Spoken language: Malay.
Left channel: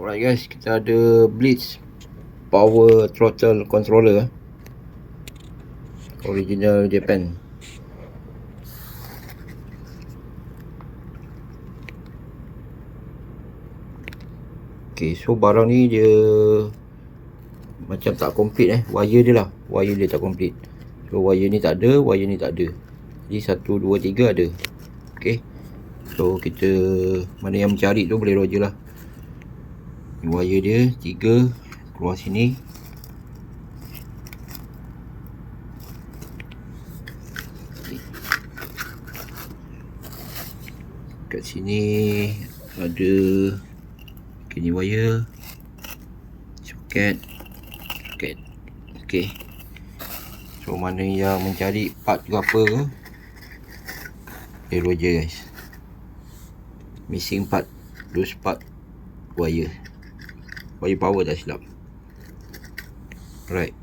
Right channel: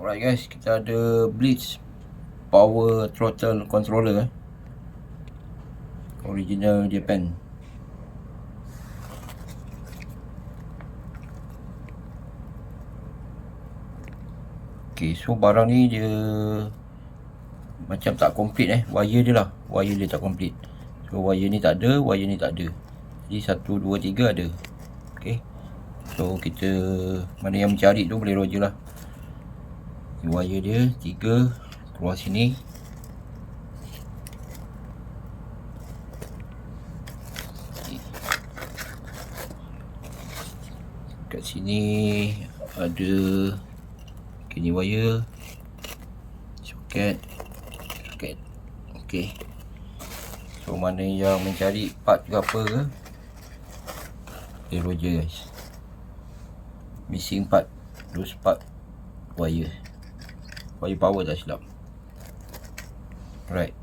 Alright guys, kita ada Blitz Power Throttle Controller, original Japan. Okay, so barang ni dia macam tak complete wire dia lah. Wire dia tak complete. So wire ni tak ada, wire ni tak ada. Jadi 1, 2, 3 ada. Okay, so kita mana yang mencari tu boleh roger lah. Ni wire dia 3 keluar sini. Kat sini ada ni wire, soket. Okay, so mana yang mencari part ke apa ke, roger guys. Missing part, loose part, wire power tak silap. Alright.